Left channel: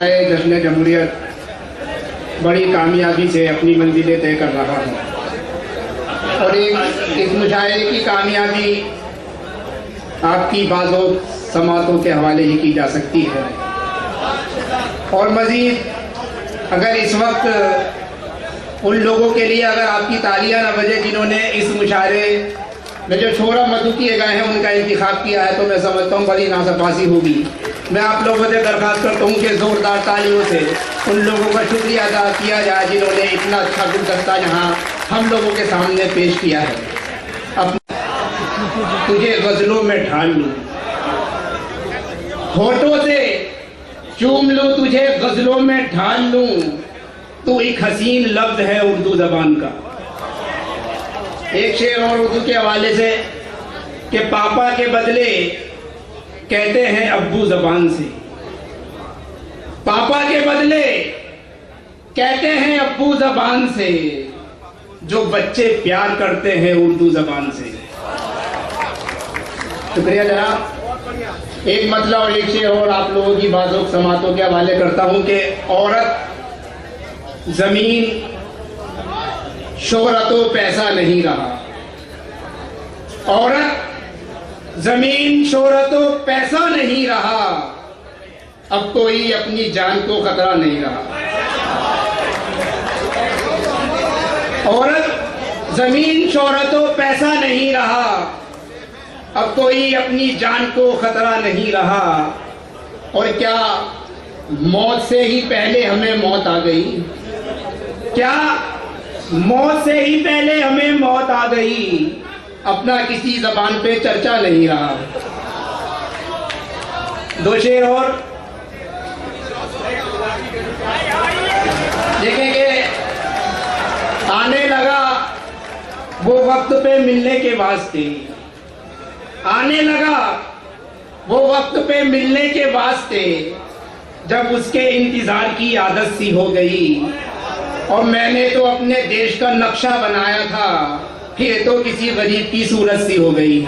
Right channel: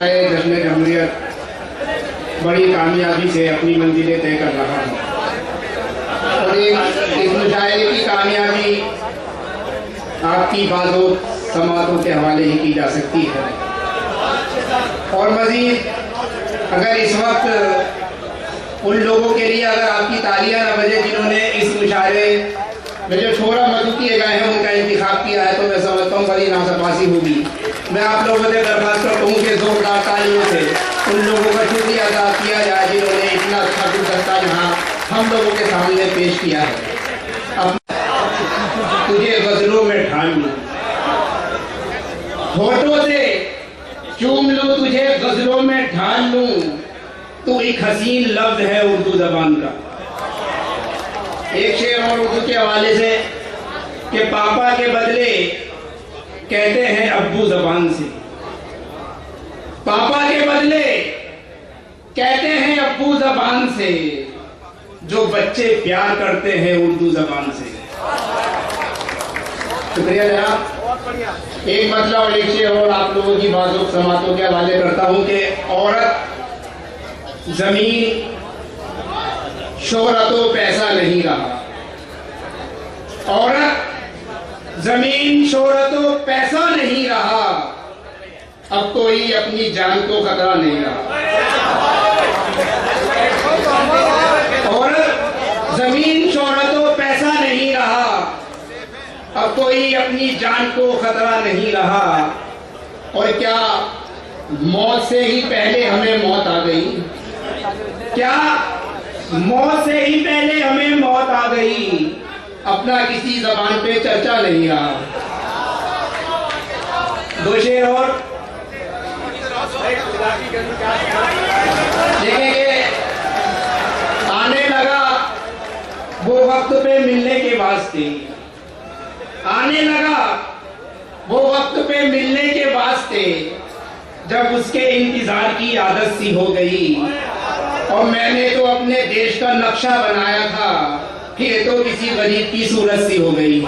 जश्न जमहूरियत बड़ी कामयाबी से अपनी मंजिलें तय कर रहा है और इस मुशायरे की कामयाबी आपकी बातों समातों के हवाले ही की जा सकती है। और मज़ीद अगर इस वक्त उन लोगों के लिए अगर आपकी तालियां न बजे जिन्होंने इस मुशायरे में जो छोरा मधु किए गए हैं उनका इंतखाब किया है, तो मैं समझता हूँ बड़ी नासपासी होगी। मैं आप लोगों से दरख्वास्त करता हूँ कि ज़ोरदार तालियों से उन लोगों का शुक्रिया अदा किया जाए जिन्होंने इतना अच्छा गुलदस्ता यहाँ हम लोगों के सामने पेश किया है। अब तुझे गज़लों में ढाल लूँ, होठों से चूम लूँ, तुझे गज़लों में ढाल लूँ, तू एक हसीन लफ्ज़ है उर्दू ज़बान का। एक शेर और उर्दू के हवाले से कि पापा के बदले कहते हैं अब्बू ज़बान से, पापा के बदले कहते हैं अब्बू ज़बान से, जो बच्चे प्यार करते हैं उर्दू ज़बान से। शुक्रिया जनाब। एक मतलब और एक शेर और आप लोगों की बातों समातों के हवाले करता हूं कि औरत जमीन शोहरतो पैसा नहीं रहा, औरत जमीन शोहरतो पैसा नहीं रहा, अब कोई अपनी जान को खतरा नहीं रहा। औरत जमीन शोहरतो पैसा नहीं रहा, अब कोई अपनी जान को खतरा नहीं रहा। और क्या मौत से ही पहले हमें मौत आ गई? क्या मौत से ही पहले हमें मौत आ गई? अपना किसी जबान पे चर्चा नहीं रहा। दो शेर और देखेंगे। आने लगा वो वक्त पे मिलने के वास्ते, आने लगा वो वक्त पे मिलने के वास्ते, जब उसके इंतजार की आदत सी हो गई। और मैंने तो अपने देश का नक्शा बनाया था, फिर तो किसी गरीब की सूरत सी हो गई।